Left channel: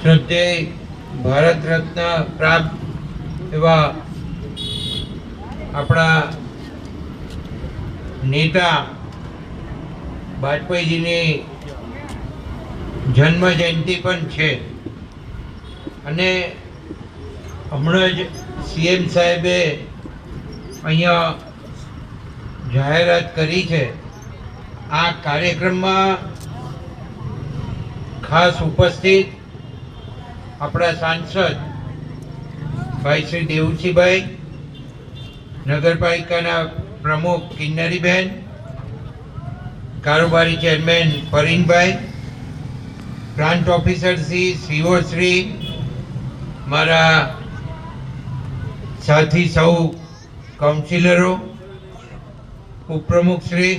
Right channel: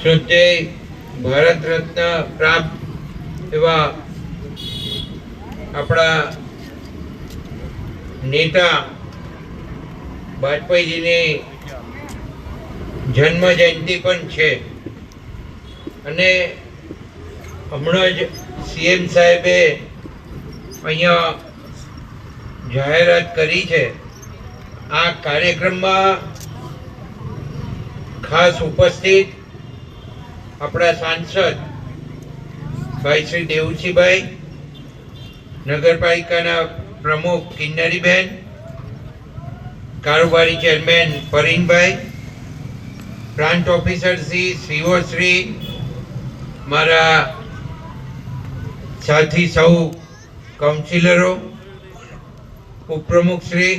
શ્રદ્ધેય ભારત રત્ન પ્રાપ્ત એવા આપણા નેતા વાજપેયીજીની જન્મ જયંતિ પણ છે અને હમણાં જ સીએમ સાહેબે અહીંયા જાહેરાત કરી છે. આ કાર્યક્રમમાં ખાસ ઉપસ્થિત આપણા સાંસદ ભાઈ શ્રી દેવુસિંહભાઈ, નગરપાલિકાના પ્રમુખ કિન્નરીબેન, કારોબારી chairman Parinbhai, plant officer Shri CO Shri, મારા સાથી સૌ કાઉન્સિલરો, ઉપપ્રમુખ શ્રી,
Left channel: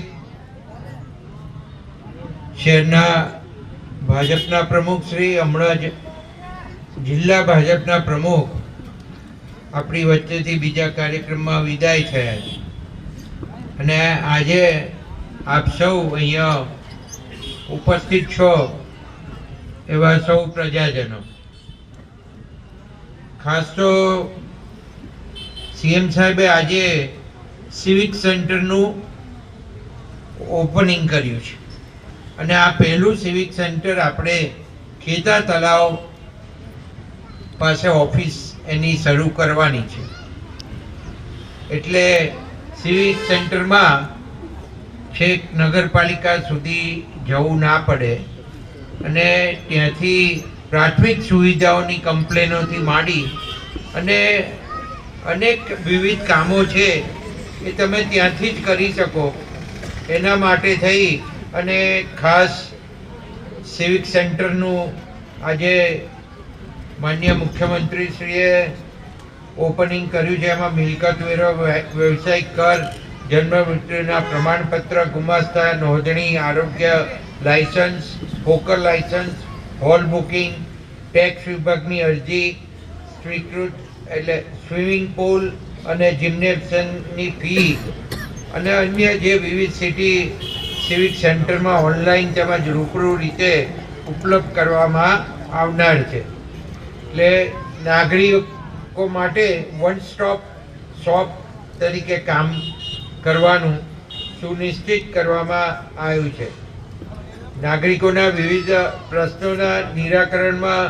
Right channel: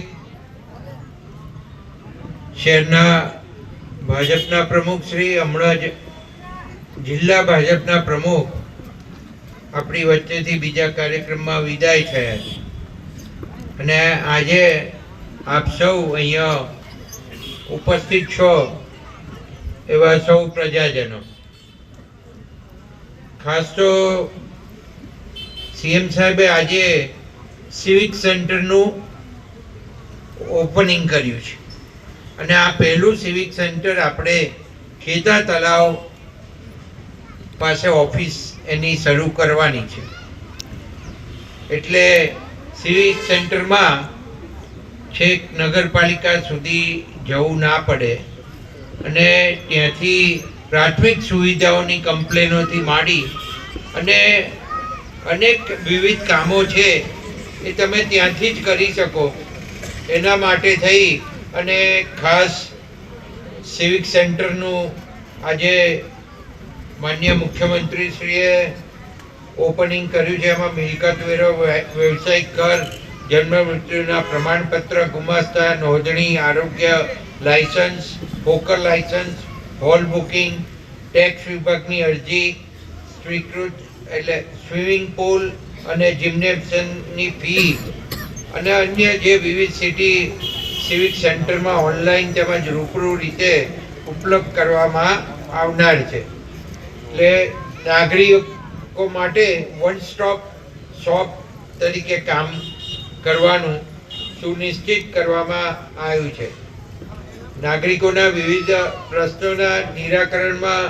શહેરના ભાજપના પ્રમુખ શ્રી, હમણાં જ જિલ્લા ભાજપના પ્રમુખ આપણી વચ્ચેથી બીજા કાર્યક્રમમાં વિદાય થયા છે અને આજે આપ સૌ અહીંયા ઉપસ્થિત છો એવા સૌ પ્રજાજનો, ખાસ તો સીએમ સાહેબે આજે સિવિક સેન્ટરનું ઓપનિંગ કર્યું છે અને આ પહેલું સિવિક સેન્ટર આપણે ખેતા તલાવ પાસે ઓફિસ એની શરૂ કરવાની છે. એટલે સિવિક સેન્ટરમાં છેક નગરપાલિકા સુધી જવું ના પડે અને ત્યાંથી પ્રાથમિક સુવિધાઓની કમ્પ્લેનોથી માંડી અને અનેક વિવિધ કામો છે એ તમે ત્યાંથી જ કરી શકો. એના માટે થઈ અને ખાસ સિવિક સેન્ટરનું આજે માનનીય મુખ્યમંત્રીશ્રીએ ઓપનિંગ કર્યું છે. એમાં મિલકત વેરો, વ્યવસાયિક કર, જન્મ મૃત્યુના પ્રમાણપત્ર, ગુમાસ્તા નોંધણી, આરોગ્ય licence, hawker licence, hall booking, tax વિભાગની અરજી સ્વીકૃત, એટલે સ્વિમિંગ પુલ અને જિમ્નેશિયમની ફી અને અન્ય જે વિવિધ સિવિક સેન્ટરમાં ઓનલાઈન તેમજ રૂબરૂ રીતે ઉપલબ્ધ કરવામાં આવનાર છે. એટલે નાગરિકો માટે વન સ્ટોપ શોપ તરીકે કામ કરવાનું સુનિશ્ચિત કરવામાં આવ્યું છે. નાગરિકોના વિવિધ પ્રશ્નોના નિરાકરણમાં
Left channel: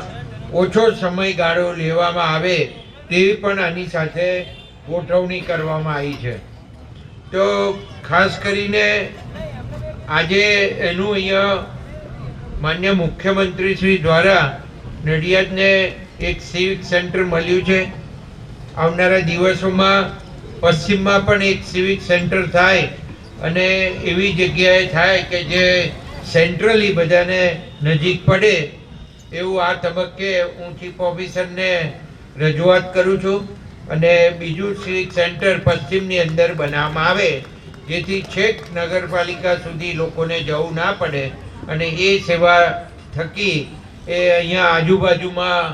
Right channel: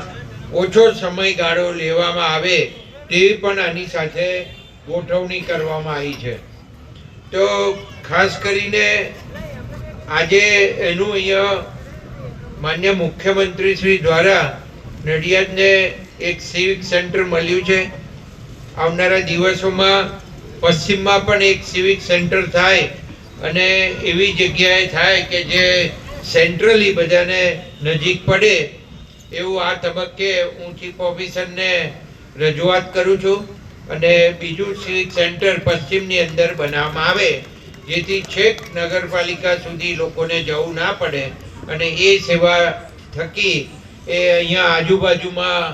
ઓછો સમયગાળો લેવામાં આવે તેવી પણ આની સાથે ગોઠવણી કરવામાં આવી છે. તો ખાસ કરીને આજે એનું અહીંયા માન્ય મુખ્યમંત્રી શ્રી દ્વારા નડિયાદને એક સિવિક સેન્ટર મળ્યું છે. આવનારા દિવસોમાં પશ્ચિમમાં પણ એક સિવિક સેન્ટર થાય અને એવી જગ્યાએ થાય કે જે સેન્ટ્રલી બધાને નજીક પડે એવું આ તબક્કે હું ચીફ ઓફિસરને રજૂઆત કરું છું. અને બીજું સિવિક સેન્ટર પશ્ચિમની અંદર બનાવવામાં આવે જેથી છેક નગરપાલિકા સુધી લોકોને જવું ના પડે અને એ સેવા થકી એ અહીંયા આજુબાજુમાં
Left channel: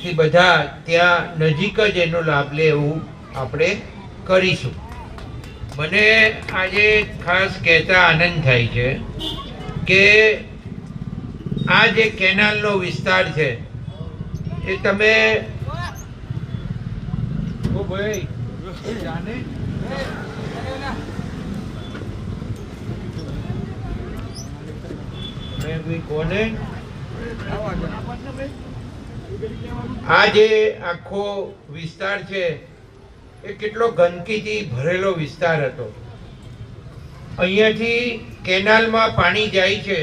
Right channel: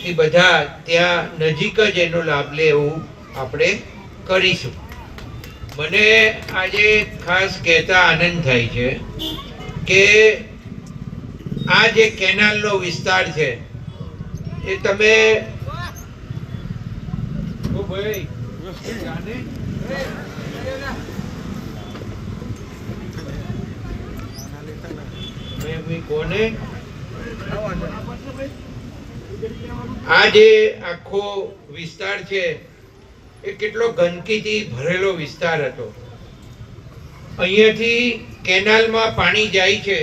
થી બધા ત્યાં નજીક જ એનો લાભ લે એવું આપણે કરીશું. મને આજે ખાસ કહેતા આનંદ થાય છે કે આ જે કેનાલનો વિસ્તાર છે એ તમે આ જે આખો વિસ્તાર છે એ કેટલો ગંદકીથી ભરેલો વિસ્તાર હતો. અહીંયાથી કેનાલમાં પાણી જાય છે,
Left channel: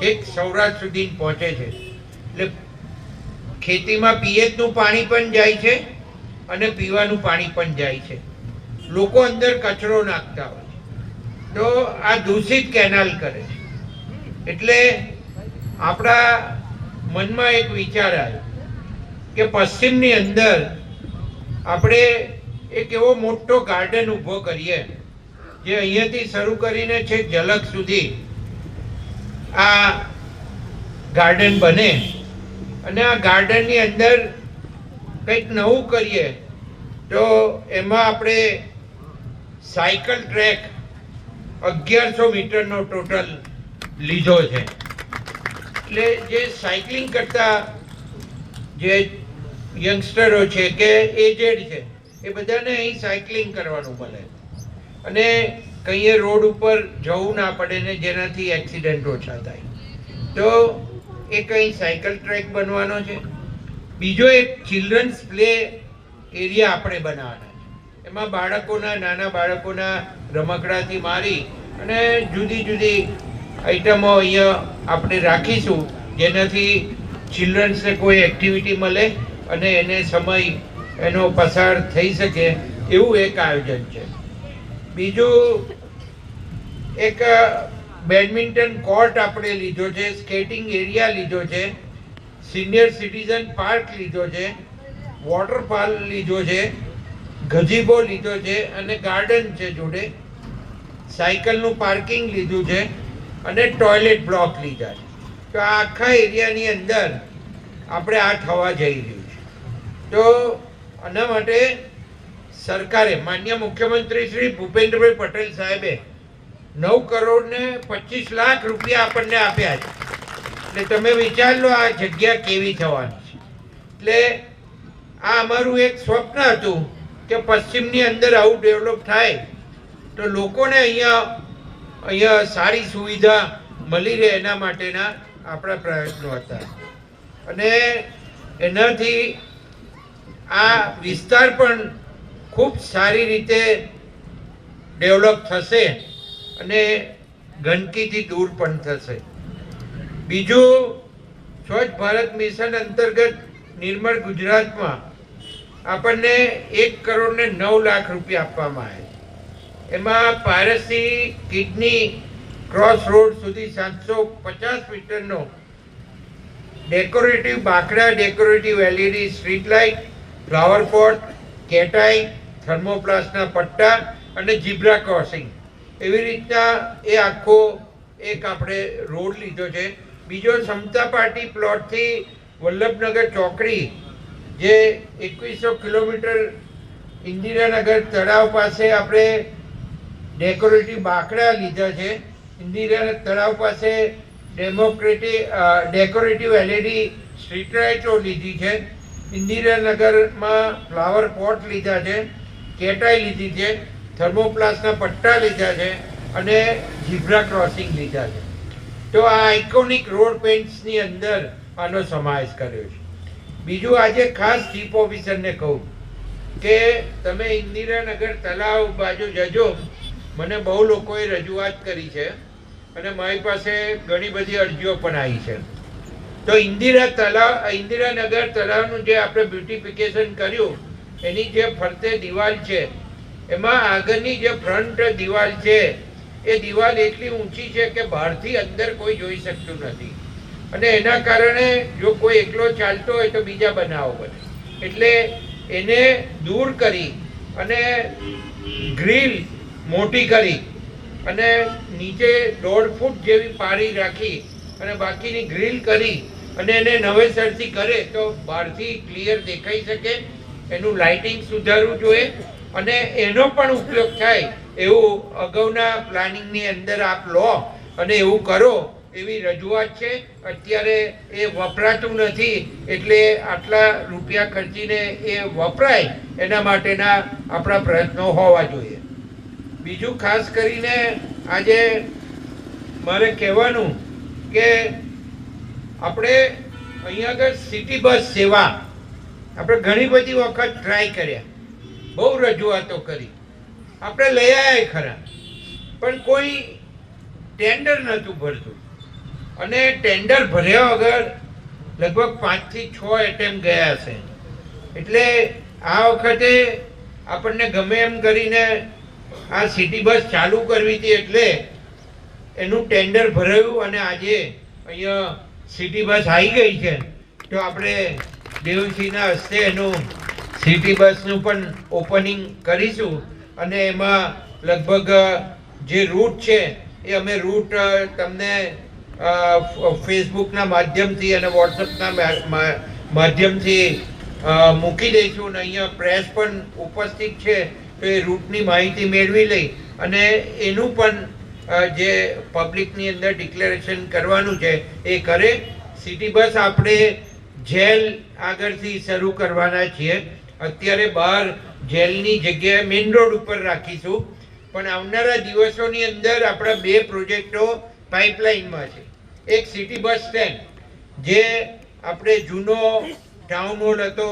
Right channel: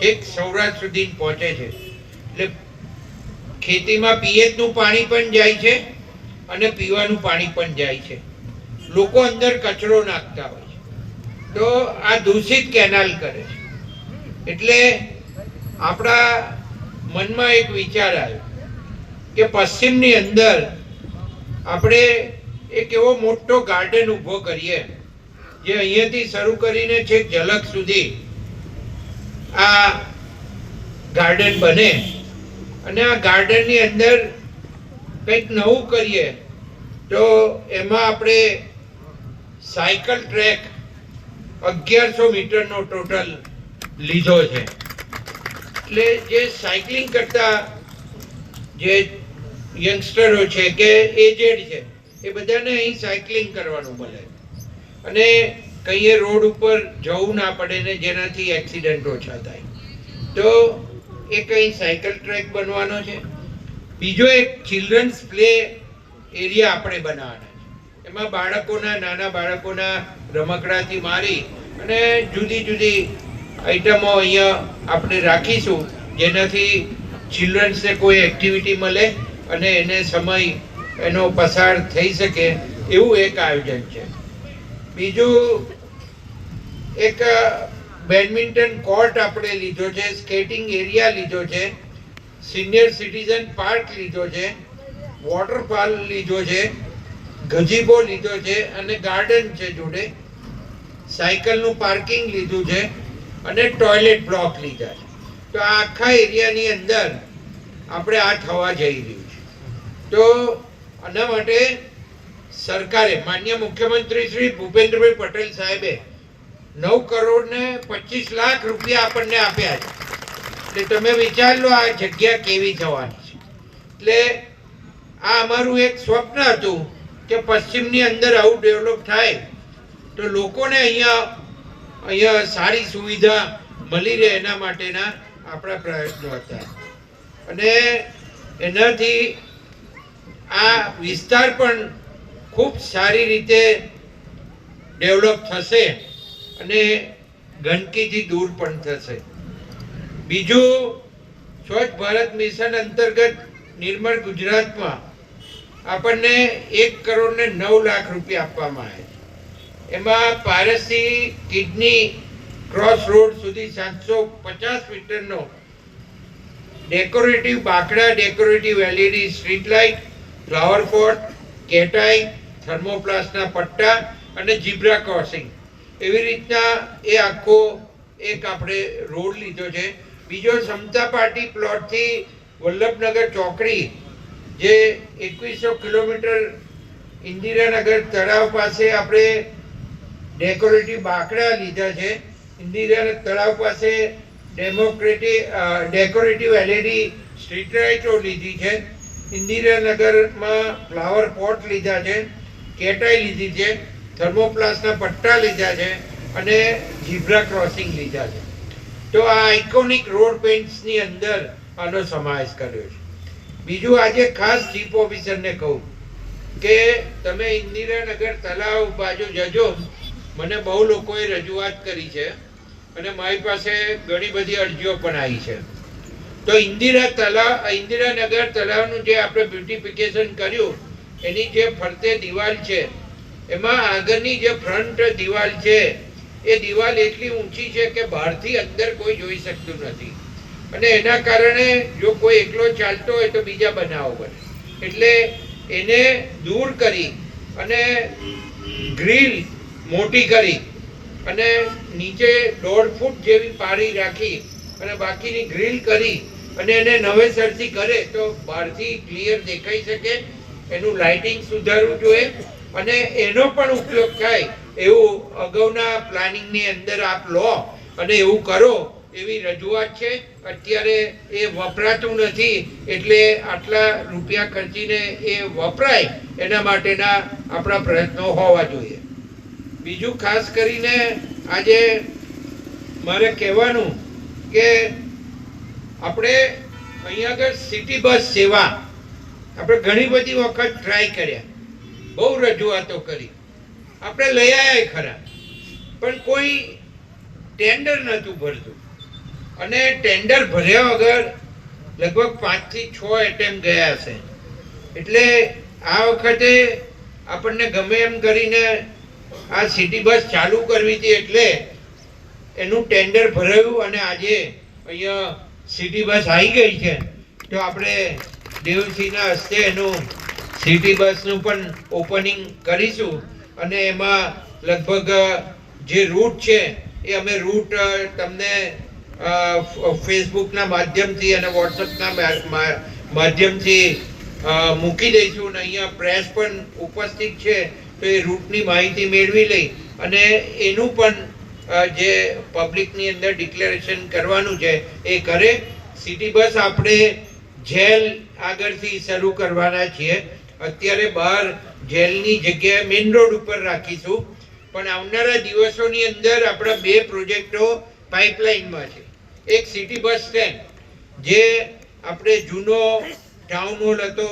છેક સૌરાષ્ટ્ર સુધી પહોંચે છે. એટલે ખેતીમાં પિયતનું પાણી પણ જાય છે અને પીવાનું પાણી પણ જાય છે. લોકો અંદર કચરો નાખતા હોય છે તો આ દૂષિત કેનાલ કરે છે. એટલે આપણા મનમાં એક વિચાર આવ્યો કે પશ્ચિમની અંદર આપણે એક એવો મોટો ગાર્ડન ઊભો કરીએ જે અહીંયાથી શરૂ કરીને છેક ઝલક સુધી આ ગાર્ડન બને અને આ ગાર્ડનની અંદર કંઈક નવું કરીએ તો એમાં આપણે સાયકલ ટ્રેક 1100 મીટરનો ટોટલ લીધો છે. એટલે જે સાયકલિંગ કરતા જે યંગસ્ટરો છે કે એજેડ છે એ બધાને અહીં સાયકલિંગ કરવાનું મળે અને કંઈ રોડ ઉપર જવું ના પડે ને જેનાથી એક્સિડન્ટ ઓછા થાય. તો એ કંઈ સાયકલ ટ્રેક બનવાનો છે. બીજો એક ચિલ્ડ્રન્સ પ્લે એરિયા આપણે બનાવવાના છે. એમાં બાળકોના નાના બાળકોના રમકડાથી મારી અને જુદી જુદી આઈટમો અહીંયા આપણે રાખીશું જેનાથી ચિલ્ડ્રન્સને કોઈ એક્ટિવિટી મળે અને એને સમય એનો પસાર થઈ શકે એવું એક આયોજન છે. બીજું એક બેડમિન્ટન કોર્ટ આપણે લીધો છે, સ્કેટિંગ એરિયા લીધો છે, સિનિયર સિટીઝન પાર્ક લીધો છે, વોટરફોલ લીધો છે, ગઝીબો લીધો છે અને ગાર્ડન છે જોડે, સાયકલનું પાર્કિંગ લીધું છે અને ટોયલેટ બ્લોક લીધા છે. તો આ આખા એરિયાની અંદર આપણે આ થવા જઈ રહ્યું છે. તો આના માટે સરકારે માન્ય મુખ્યમંત્રી શ્રી ભૂપેન્દ્રભાઈ પટેલ સાહેબે 9 કરોડ ને 25 લાખ રૂપિયા આપણને આપ્યા છે. એટલે તમે વિચાર લો આ જગ્યા કેવી થવાની છે. એટલે આ અમારું એક સ્વપ્ન હતું કે પશ્ચિમની અંદર આવું ડેવલપ થાય તો લોકોને અહીંયા સારી સુવિધા મળી રહે એના માટેના આપણા પ્રયત્નો હતા અને એનાથી આ વિસ્તાર પણ ખૂબ સારી રીતે ડેવલપ થશે અને ગંદકીથી દૂર પણ થશે. બીજું સ્વચ્છ ભારત મિશન અંતર્ગત નિર્મળ ગુજરાતમાં આપણને 1 કરોડ ને 9 લાખ રૂપિયા આપવામાં આવે છે. એમાં પારસી કિડની ક્રોસ રોડ સુધી 750 મીટરનો ડેકોરેટિવ બાકડા, decorative LED street light, flower pot, કેટાઈ, થર્મોપ્લાસ્ટના પટ્ટા અને ઝીબ્રા ક્રોસિંગ એવી રીતના એ આખો એક આપણે રોડ લીધો છે. બીજો સમતા પાર્ટી પ્લોટથી વલ્લભનગર ચોકડી જે 2100 કિલોમીટર ઇન્દિરાનગર તળાવ પાસે આપણે ડેકોરેટિવ બાકડા લીધા છે. ઇન્દિરાનગર તળાવ પાસે ડેકોરેટિવ એલઈડી સ્ટ્રીટ લાઇટો લીધી છે. ઇન્દિરાનગરમાં ફ્લાવર પોટ લીધા છે, કેટાઈ લીધી છે, થર્મોપ્લાસ્ટના પટ્ટા લીધા છે અને ઝીબ્રા ક્રોસિંગ લીધા છે. તો આ આઇકોનિક રોડ પેઇન્ટ્સની અંદર આનો સમાવેશ કર્યો છે. બીજું આજે ખાસ ચીફ ઓફિસરને કહું કે તમે ઇન્દિરાનગર તળાવ બાજુ જજો. મને બહુ લોકોએ રજૂઆત કરી છે અને મારી પાસે ઘણી બધી અરજીઓ પણ આવી છે. તો ઇન્દિરાનગર તળાવનું જે આપણે બ્યુટિફિકેશન કર્યું એની જે ફરતે દિવાલ છે એમાં આગળની જે ફ્રન્ટ દિવાલ છે એ દિવાલ એટલી ઊંચી છે કે બહારથી અંદર કોઈ જોઈ શકતું નથી અને એના કારણે જો કોઈ એકલો ચાલતો હોય તો બીજા બનાવો બને. એટલે એને દૂર કરી અને ગ્રીલ મોટી કરી અને નીચે 1.5 ફૂટ જેવી પાળી રાખી અને બાકીની ગ્રીલ કરી અને એને નવેસરથી કરે તો બહારથી ક્લિયર દેખાઈ શકે. એનું લાઇટિંગ સુધારવું જોઈએ અને એનો પણ ઉપયોગ થાય એવું અગાઉના પ્લાનિંગની અંદર આપ લો અને એવું કરો એવી રજૂઆત છે. અત્યારે એ વપરાતું નથી એટલે આટલા રૂપિયા ખર્ચીને એ વપરાય એના માટેના આપણા પ્રયત્નો હોવા જોઈએ. બીજું ખાસ કરીને આજે મારે કહેવાનું કે આપણે અહીંયા આગળ સિટી બસ સેવા આપણે ઘણી બધી વખત ટ્રાય કર્યા, બહુ રજૂઆતો કરી, આપણે લઈ આવ્યા ખરા પણ કોઈ ટેન્ડર નહોતું ભરતું અને ટેન્ડર ભર્યા વગર લગભગ 5 થી 6 એટેમ્પ ગયા છે. એટલે આ વખતે આપણને ગમે એમ કરીને આ સિટી બસ ચાલુ કરવી હતી એટલે એનું ટેન્ડર ભરાયું અને આજે અહીંયા સિટી બસ આવી ગઈ છે. તો આપણે દેવસિંહના હસ્તે એનું સિટી બસનું પણ ઓપનિંગ કરીશું અને એમાં લગભગ જે રૂટ છે એ અમે રૂટ તમને ફેસબુકના માધ્યમથી અને વોટ્સઅપના માધ્યમથી મૂકી દઈશું અને અહીંયા પ્રેસ પણ ઉપસ્થિત છે તો એ રૂટની માહિતી મેળવી લઈ અને એનું પણ જે પબ્લિકની અંદર ડિક્લેરેશન કરવાનું છે એ કરે સિટી બસ આપણે જેલ આગળથી શરૂ કરવાના છીએ. અત્યારે બહાર જેલની જગ્યાએ મેઇન રોડ ઉપર રાખીશું, પણ આવનારા દિવસોની અંદર આપણા 2 પ્રોજેક્ટો પાઇપલાઇનમાં છે. એક સિટી બસ સ્ટેન્ડ, જે આપણે જૂનો ટાઉન હોલ હતો,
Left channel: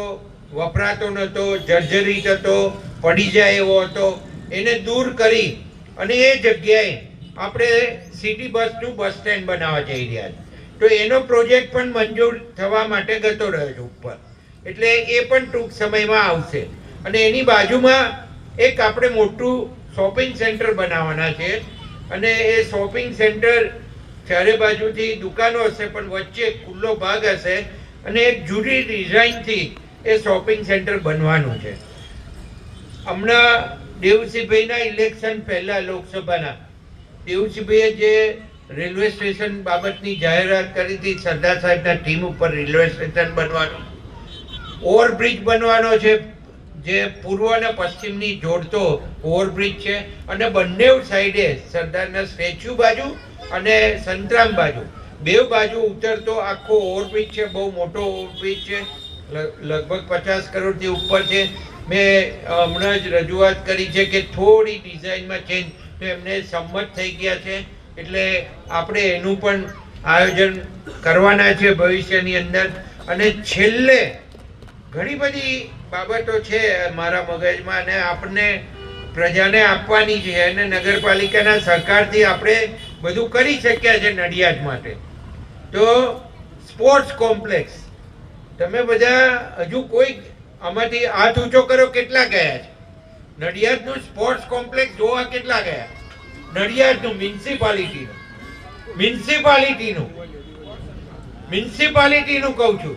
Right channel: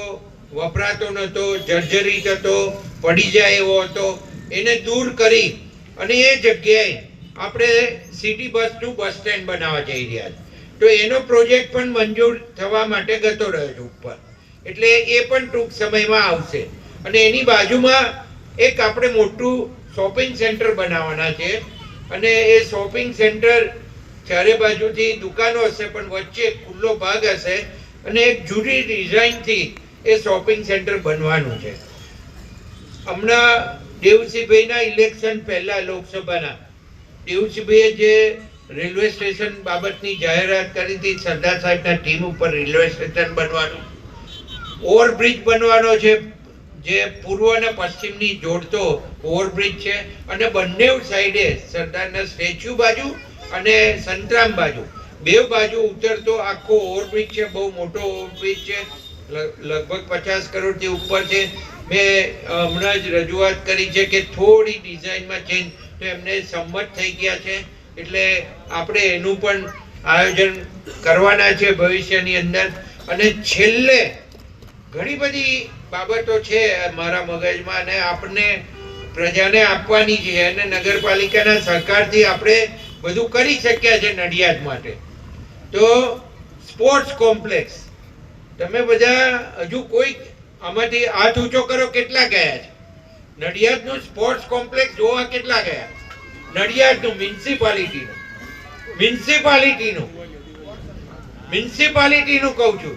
વપરાતો નહોતો, જર્જરિત હતો, પડી જાય એવો હતો, એને દૂર કરી અને એ જગ્યાએ આપણે સિટી બસનું બસ સ્ટેન્ડ બનાવવા જઈ રહ્યા છીએ. તો એનો પ્રોજેક્ટ પણ મંજૂર થવા માટે ગતો રહ્યો છે ઉપર, એટલે એ પણ ટૂંક સમયમાં આવશે. અને એની બાજુમાં એક આપણે મોટું શોપિંગ સેન્ટર બનાવવાના છે, અને એ શોપિંગ સેન્ટર ચારે બાજુથી દુકાનો હશે, પણ વચ્ચે ખુલ્લો ભાગ હશે, અને એક જુદી ડિઝાઇનથી એ શોપિંગ સેન્ટર બનવાનું છે. હમણાં દેવસિંહભાઈના ઇલેક્શન પહેલા લોકસભાના દેવસિંહભાઈએ જે રેલવે સ્ટેશન બાબતની જાહેરાત કરી હતી, સરદાર સાહેબના ટીમ ઉપર રેલવે સ્ટેશન બનવાનું, ઓવરબ્રિજ બનવાનો છે, જે પૂર્વ અને પશ્ચિમની જોડતો ઓવરબ્રિજ છે, અને બંને સાઈડે સરદારના સ્ટેચ્યુ બાજુ અને સંતરામ બાજુ, 2 બાજુ ઉતરતો આખો ઓવરબ્રિજ છે. બહુ મોટો ઓવરબ્રિજ છે, લગભગ 50 કરોડથી ઉપર છે. મેં હમણાં જ રજૂઆત કરી છે કે થોડી ડિઝાઇનમાં ચેન્જ, તો એમને સંમત થઈ ગયા છે. એટલે આપણે એનું પણ આયોજન કરવાના છે ભવિષ્યની અંદર. અને છેલ્લે ઘણી બધી બાબતો છે મારા મગજમાં, અને આપણને પ્રજાને આપવાની છે, અને નગરપાલિકાના સહકારથી આપણે બધું કરી શક્યા છે નડિયાદ માટે. તો સ્પોર્ટ્સ કોમ્પ્લેક્સ, તમે બધા હજુ કોઈ આમાંથી હાથ ઊંચો કરો, કેટલા ગયા છે નડિયાદનું સ્પોર્ટ્સ કોમ્પ્લેક્સ જોવા? કેટલા ગયા નડિયાદનું? મ્યુનિસિપાલિટીનું કહું છું,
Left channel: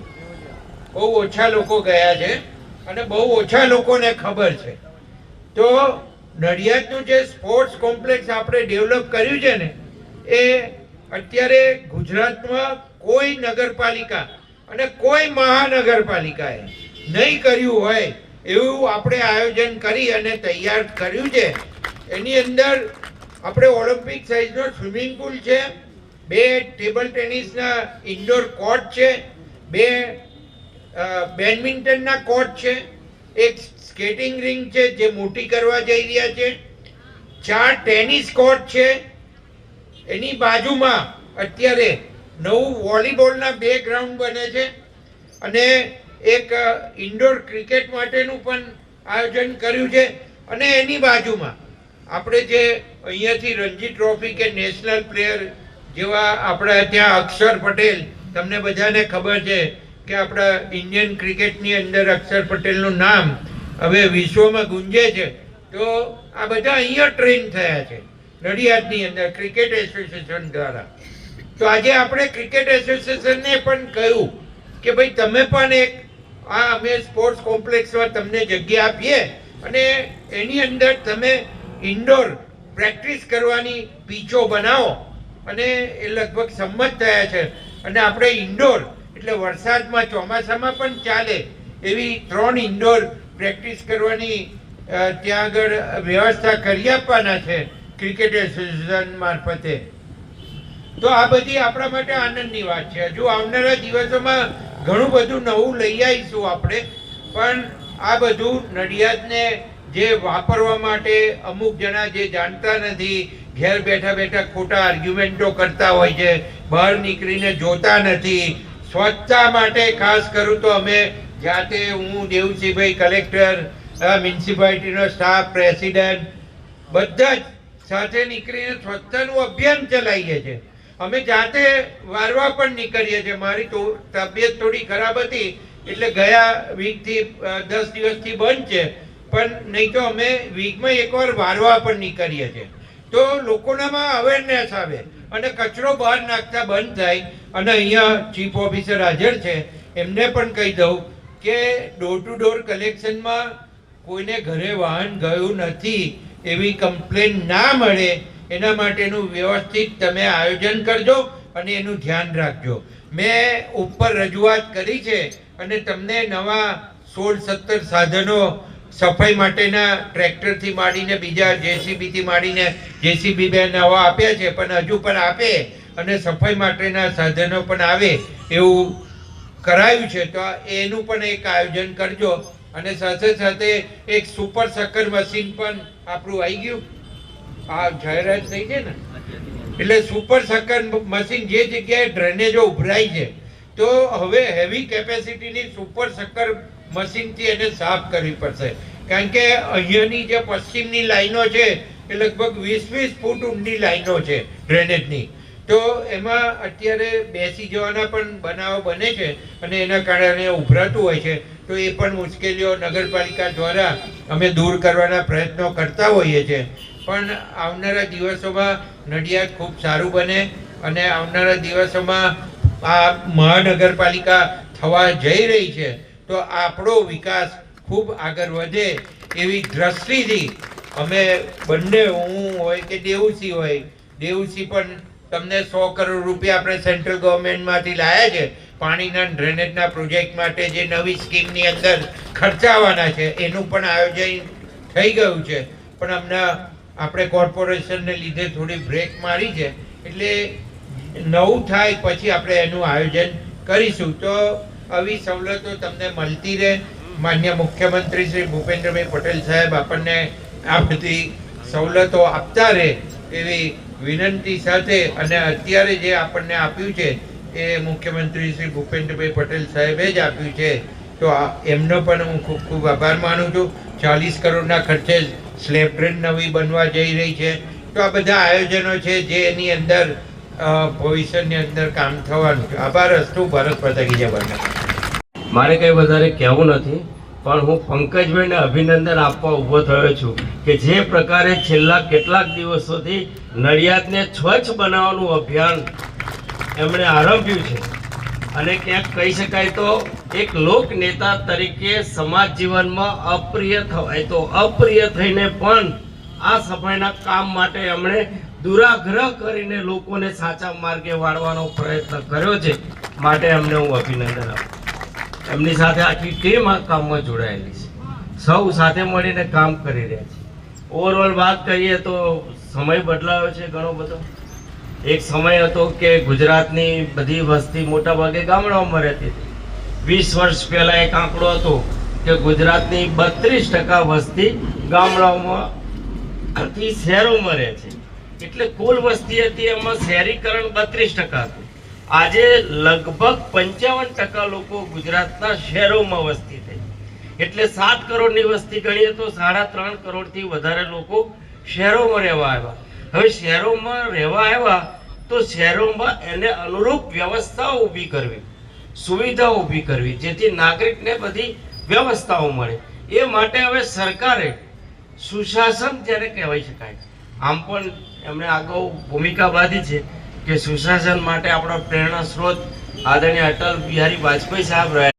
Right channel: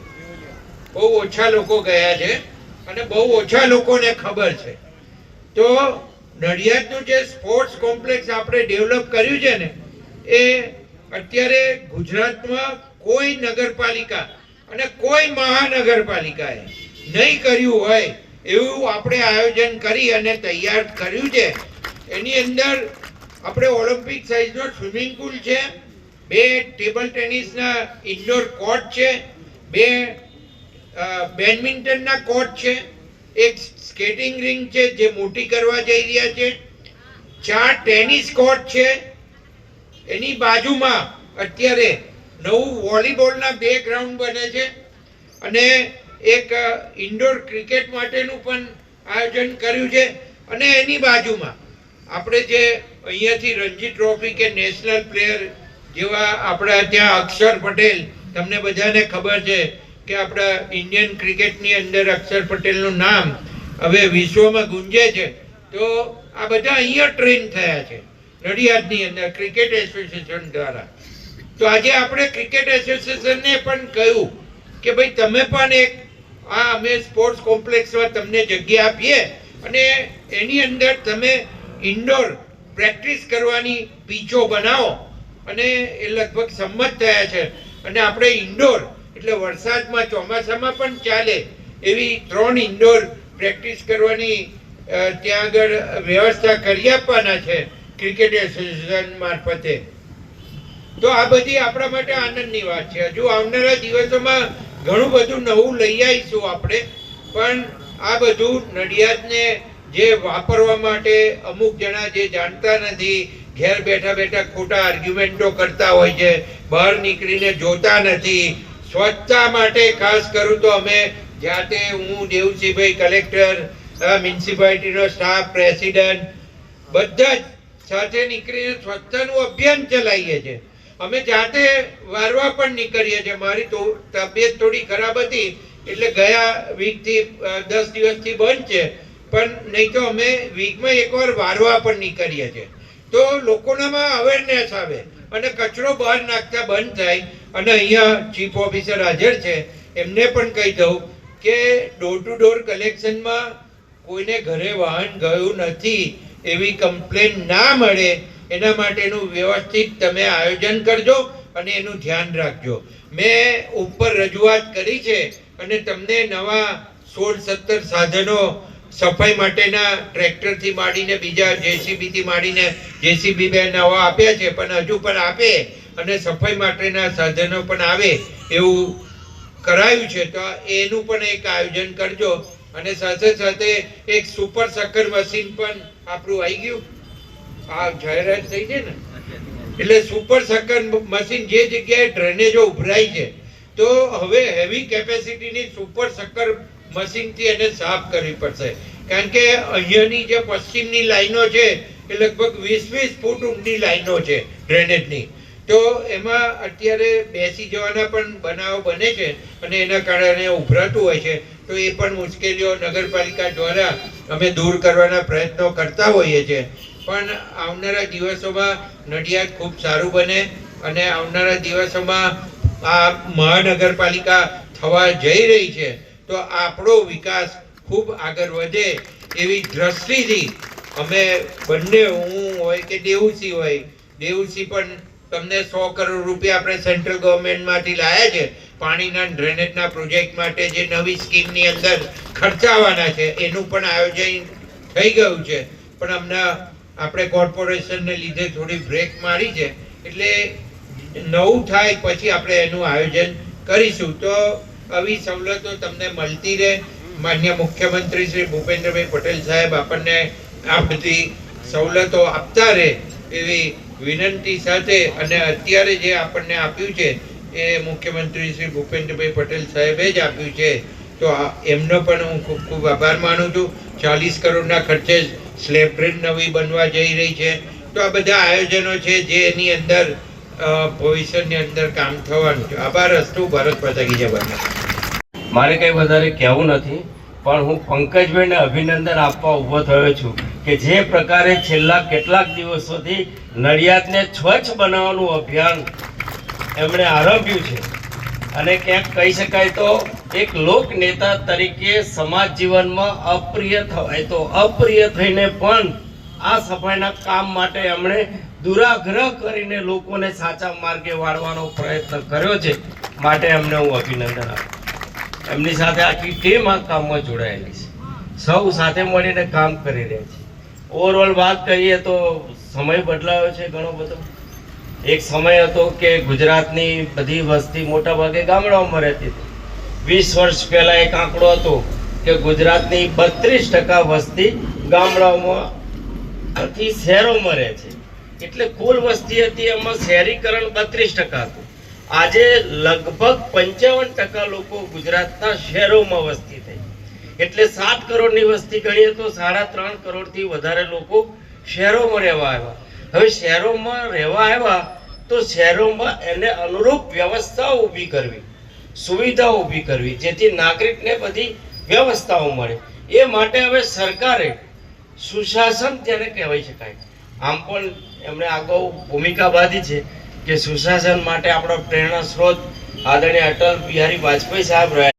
બહુ ઓછા લોકો ગયા છે, અને બહુ ઓછા લોકોને ખબર છે. તો નડિયાદનું જે સ્પોર્ટ્સ કોમ્પ્લેક્સ આપણે ડેવલપ કર્યું છે ને, એ અત્યારે ગુજરાતમાં કોઈ નગરપાલિકા અને કોઈ મહાનગરપાલિકાએ નહીં કર્યું હોય એવું આપણે આયોજન કરી અને તૈયાર કર્યું છે. એની અંદર આપણે ઓલિમ્પિક સાઇઝનો સ્વિમિંગ પુલ છે, 2 ટેબલ ટેનિસના ઇન્ડોર કોર્ટ છે, 2 બેડમિન્ટનના કોર્ટ છે, 1 સ્કેટિંગ રિંગ છે જે મોટી કરવા જઈ રહ્યા છે, 4 ટેનિસ કોર્ટ છે. એની બાજુમાં અત્યારે નવું વોલીબોલના 2 ગ્રાઉન્ડ બને છે, અને એક ઇન્ડોર ક્રિકેટ માટેનું પણ આયોજન કર્યું છે. અને એની બાજુમાં આપણે જે અહીંયાથી રણજી ટ્રોફી કે નેશનલ પ્લેયર જેવા આપણા ત્યાં અક્ષર પટેલ, તમને બધાને ખબર છે કે આપણા ઇન્ડિયન ક્રિકેટની અંદર અક્ષર પટેલનું નામ હવે વિશ્વમાં ગુંજે છે. તો આ બધા અહીંયા ટ્રેન થયા છે નડિયાદની અંદર ક્રિકેટ એસોસિએશન દ્વારા. તો આજે આપણે ક્રિકેટ એસોસિએશનને પણ કહ્યું કે ભાઈ તમે પણ એક અમે સ્પોર્ટ્સ કોમ્પ્લેક્સમાં તમને જગ્યા આપીએ, અને એની અંદર તમે ઇન્ડોર પ્રેક્ટિસ કરવાની પીચો બનાવો. અને એ લગભગ સંમત થયા છે. અને આપણે ઇન્ડોર એટલે વરસાદમાં ચોમાસામાં પણ ચાલે એવી 3 ઇન્ડોર પ્રેક્ટિસ કરવાની ત્યાં આગળ વ્યવસ્થા કરી આપવાના છે ક્રિકેટ એસોસિએશન મારફતે. તો આ બધી આપણા માટે આનંદની વાત છે. હજુ આવનારા દિવસોમાં ઘણું બધું નવું લઈ આવીશું આપણે, પણ આ બધું નડિયાદને જે વાપરવા માટે અમુક જણા જે જાણતા નથી, ઘેર બેઠા બેઠા ખોટા આર્ગ્યુમેન્ટો કરતા હોય છે, બહાર નીકળીને જોતા નથી. સ્વચ્છતા માટે ખાસ કરું તો અમે જાતે, હું, દેવસિંહભાઈ કલેક્ટર, મ્યુનિસિપાલિટીનો સ્ટાફ, પ્રેસિડેન્ટ, બધા જ સાથે નીકળીને સ્વચ્છતાનું અભિયાન ચલાવીએ છીએ. અમે જાતે વારવા પણ નીકળીએ છીએ. મારી તો તબિયત થોડી ખરાબ હતી એટલે ગયા વીકથી 10 દિવસથી બંધ છે, પણ નહીં તો અમે વીકમાં એકવાર વારવા પણ નીકળીએ છીએ. તો લોકોનામાં અવેરનેસ આવે અને કચરો બહાર નાખતા બંધ થાય. અને અહીંયા ચીફ ઓફિસર હાજર છે, એમને પણ કહી દઉં કે ડોર ટુ ડોર કલેક્શનમાં કોઈને ઘરે વાહન ગયું નથી એવી કમ્પ્લેન ના મળે એના માટેનું વ્યવસ્થિત તમે આયોજન કરજો અને એનું ધ્યાન રાખજો. મેં ઉપર રજૂઆત કરી છે, અને તમને નવા 16-17 સાધનો સફાઈ માટેના ટ્રેક્ટરથી માંડીને બીજા જેસીબીથી માંડીને જેસીબી 2 નવા આપ્યા છે, પણ હજુ પણ આપે અને સફાઈ માટેના સાધનો પણ આવે એવું કરાયું છે. તો એનું પણ એક આયોજન કરજો. અને સાથે સાથે એક સુપર શક્કર મશીન પણ આપણું આવી ગયું, આ જાહેરાત થઈ છે ને, એટલે સુપર શક્કર મશીન જે જગ્યાએ ડ્રેનેજો ઉભરાય છે તો હવે હેવી કેપેસિટીની સુપર શક્કર મશીનથી એને સાફ કરવી પડશે. કારણ કે અહીંયાની જે પશ્ચિમની લાઈનો છે એ લગભગ 20-20 ફૂટ ઊંડી લાઈનો છે ડ્રેનેજની. તો એમાં અત્યારે બેસી જવાના પણ બનાવો બને છે અને એના કારણે ઉભરાતું હોય છે. તો એ પણ મુશ્કેલીઓ નગરપાલિકા દ્વારા અમે દૂર કરવાના પ્રયત્નો કરતા હોઈએ છીએ. પણ આવનારા દિવસોમાં નડિયાદ ખૂબ સારું બને અને આવનારા દિવસોમાં આ મહાનગરપાલિકા થવા જઈ રહી છે તો આપણો વિકાસ ખૂબ આગળ વધે એવી દ્રષ્ટિથી અમે બંને, હું હોય કે દેવુસિંહ હોય, દેવુસિંહ પણ તમને 100 કરોડ રૂપિયા આપણે સેન્ટ્રલ ગવર્મેન્ટમાંથી લાયા છે પાણીના ડ્રેનેજના પ્રોજેક્ટ માટે, જે નવી સ્કીમની અંદર ખર્ચાવાના છે એનું પણ આયોજન થઈ ગયું છે. પણ હમણાં આપણે કોર્પોરેશનને લીધે થોડી બ્રેક મારી છે, એટલે નવું થાય પછી આપણે એનું આયોજન કરીશું. તો આવી સવલતો તમને મળતી રહે. માન્ય મુખ્યમંત્રી શ્રી ભૂપેન્દ્રભાઈ પટેલ સાહેબ આપણને આ બધી સવલતો આપતા રહે એવી વિનંતી સાથે, અને અત્યારે જે આપણને આપ્યું છે એ મુખ્યમંત્રી શ્રી ભૂપેન્દ્રભાઈ પટેલ સાહેબે જ આપ્યું છે. તો એમનો પણ હું ખૂબ ખૂબ આભાર માનું છું. 40 કરોડના ખર્ચે સ્લેબ ટ્રેન નવી બનવા જઈ રહી છે. તો આ બધા આયોજનો છે જે એની અંદર ભવિષ્યની અંદર કામ થવાનું છે. આભાર અસ્તુ. ભારત માતા કી જય. મારે કંઈ વધારે કહેવું નથી, પણ હું પંકજભાઈને અભિનંદન આપવા ઊભો થયો છું કે જે પ્રકારે છેલ્લા કેટલાક દિવસોથી નડિયાદને સ્વચ્છ બનાવવાનું અભિયાન એમણે આરંભ્યું છે. અને ક્યાંક કહી શકાય તો એક લોક નેતા તરીકે સમાજ જીવનમાં અપ્રિય થવાય તો અપ્રિય થઈને પણ આ સફાઈના કામ માટે એમણે દુરાગ્રહ કરીને લોકોને સાચા માર્ગે વાળવાનો પ્રયત્ન કર્યો છે. માટે એમને હું અભિનંદન આપું. એમની સાથે આખી ટીમ આ કામમાં જોડાયેલી છે. સૌ સાથે મળીને કામ કરી રહ્યા છે. ઓવરઓલ વાત કરીએ તો સમય બદલાયો છે ઘણો બધો. એક સમય હતો કે ગુજરાતની બધી વસ્તી મોટા ભાગે ગામડાઓમાં રહેતી હતી. 20 વર્ષ પહેલા એક આંકડો હતો કે ગુજરાતની 32% વસ્તી ગામડાઓમાંથી શહેરોમાં રહે છે. એટલે કુલ વસ્તી હતી એમાં શહેરીકરણ 32% હતું. આજે લગભગ 55% લોકો ગુજરાતના શહેરોમાં વસ્તી થઈ. એટલે 7 કરોડની વસ્તી ગણીએ તો 3.5 કરોડથી વધારે લોકો શહેરોમાં રહેવા આવ્યા. હવે શહેરોમાં રહેવા આવ્યા તો શહેરોમાં એને અનુરૂપ વ્યવસ્થાઓ ઊભી કરવી, સુવિધાઓ ઊભી કરવી, જેથી નાગરિકને બધી વ્યવસ્થાઓ મળે. એ માટે હવે સરકારે સુશાસન જેને કહેવાય શકાય, આમ પણ એમણે અગાઉ ભૂમિકા બાંધી છે કે સુશાસન માટે આપણો પ્રેરણા સ્ત્રોત આદરણીય અટલ બિહારી વાજપેયી સાહેબ રહ્યા.